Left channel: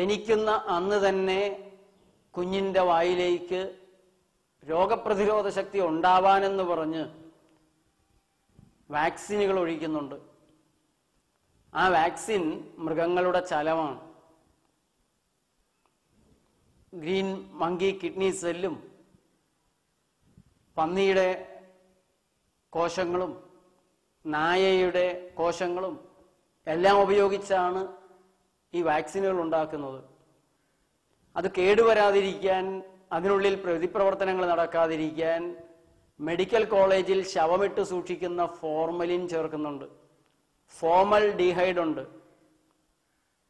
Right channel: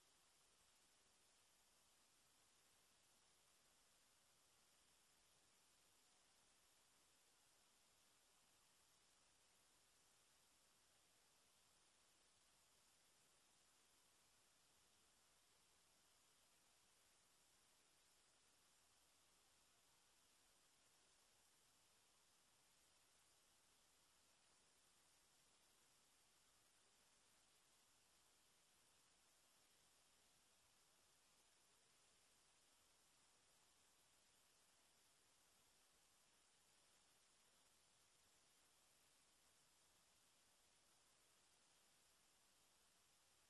ജനിക്കുന്ന അന്ന് തന്നെ കുഞ്ഞിൻ്റെ വായിലേക്ക് രോഗപ്രതിരോധ ശക്തി ഉണ്ടാവാനെന്ന് പറഞ്ഞ് വാക്സിനുകൾ ഒഴിക്കുന്നുണ്ട്. ആ വാക്സിൻ മൃഗങ്ങളുടെ ചലമാണ്. ഗ്രീൻ മങ്കി കിഡ്നി സെല്ലും പന്നിയുടെ കോശങ്ങളും നായയുടെ കോശങ്ങളും എല്ലാം ഉപയോഗിച്ചാണ് ഈ വാക്സിനുകൾ ഉണ്ടാക്കുന്നത്. അത് കേടുവരാതിരിക്കാൻ, അതിനുള്ളിൽ പ്രതിപ്രവർത്തനങ്ങൾ നടക്കാതിരിക്കാൻ മെഡിക്കൽ കോളേജിൽ ശവമിട്ട് സൂക്ഷിക്കുന്ന ഫോർമലിൻ ചേർക്കുന്നുണ്ട്. ഫോമൽ ഡീഹൈഡ് ഉണ്ട്.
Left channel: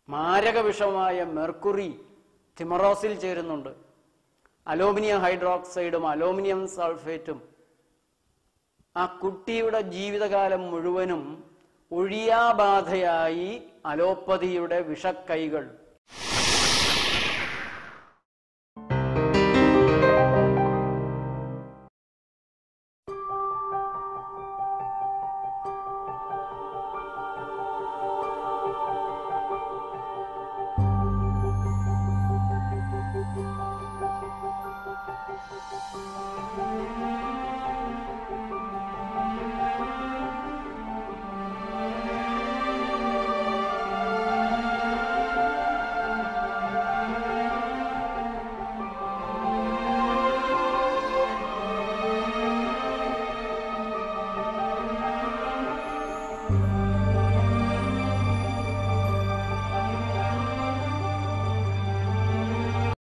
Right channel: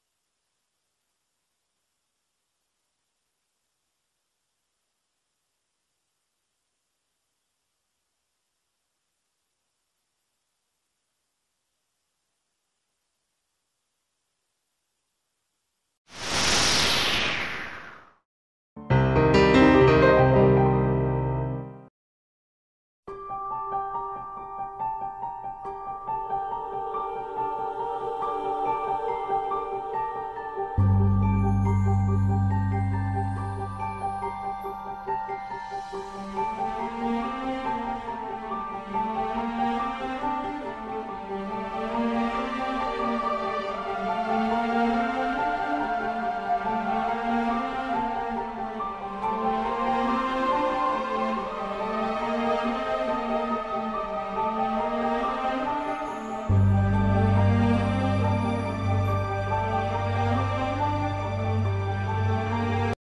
മാരക വിഷമായ മെർക്കുറി തിമറോസിൽ ചേരുന്നുണ്ട്. അലൂമിനിയം ഹൈഡ്രോക്സൈഡും അലൂമിനിയം സൾഫേറ്റും ആ കുട്ടിയുടെ ജീവിതകാലം മുഴുവനും ഒഴിയാബാധയായി അലോപ്പതിയുടെ വിഷക്കൈകൾ